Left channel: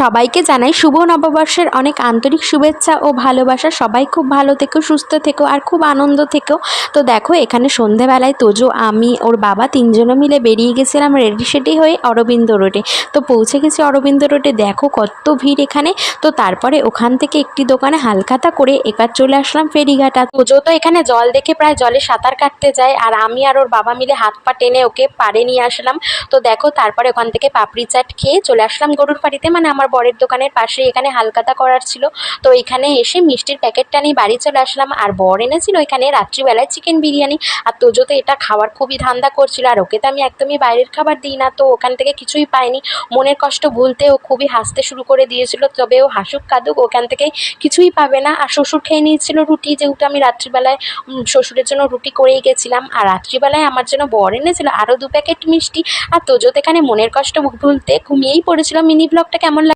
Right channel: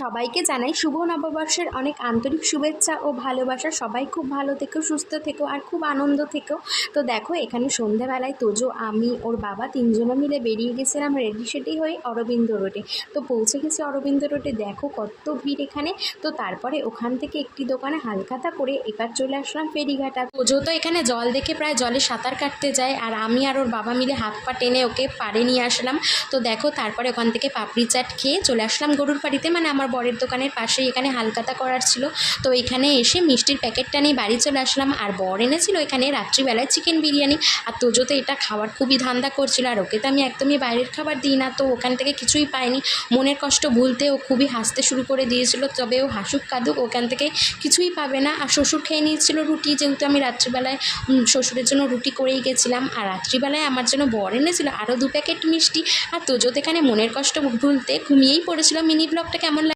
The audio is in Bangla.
সবাইকে জানাই শুভ নববর্ষের অনেক আন্তরিক শুভেচ্ছা ও ভালোবাসা। সবাই খুব ভালো থেকো, সুস্থ থেকো আর খুব আনন্দ থেকো। তো দেখো এখানে সন্ধেবেলায় তোজো, আমি, ওর বাবা তিনজনে মিলে বেরিয়ে গেছিলাম রেডি সেডি হয়ে অরবিন্দ রোডে। তো পৌঁছে গেছি অরবিন্দ রোডে, দেখো কত ভিড় এখানে। তো তারপরে ওখান থেকে একটি দোকানে হালখাতা করে এবার চলে আসলাম ফেরিঘাটা। তোজো তো এখানে জল দেখে প্রায় জলে সাঁতার কাটতে যায়, আর আমি আর ওর বাবা মিলে হাত পা টেনে ওকে পাড়ে নিয়ে আসলাম। তো দেখো তারপরে ওখান থেকে পাপড়ি চাট খেয়ে চলে আসলাম গরুর বাড়িতে, মানে আমার বরের দোকানের পাশেই এখানে হালখাতা করার ছিল। তো এখানে এসে মিষ্টির প্যাকেটটা নিয়ে বাড়ি চলে আসলাম, আর বর এনেছিল এখানে রাত্রিবেলায় চিকেন বিরিয়ানি। আর তোজো তো এটা খাওয়ার খুবই ধান্দা করছিল, আর ওকে তো আমি একদমই বাইরের খাবার দিই না, তো ওখান থেকে কিছুই পাইনি। মনের কষ্ট ভুলতে ও খুবই হাসতে শুরু করে দিয়েছিল, তবে ও হাসুক কাঁদুক ওখান থেকে কিছুই পাবে না। আর শ্বশুর খেয়ে নিয়েছিল রুটি, যেহেতু আমি রাত্রিবেলায় শ্বশুরের জন্য রুটি করেই গেছিলাম, আর রাত্রিবেলায় আমার জন্য বর এনেছিল আরও 2 প্যাকেট মিষ্টি। আর তোজো তো এখানে মনের কষ্ট ভুলতে ঘুমিয়েই পড়েছিল। মিনি ব্লগটা কেমন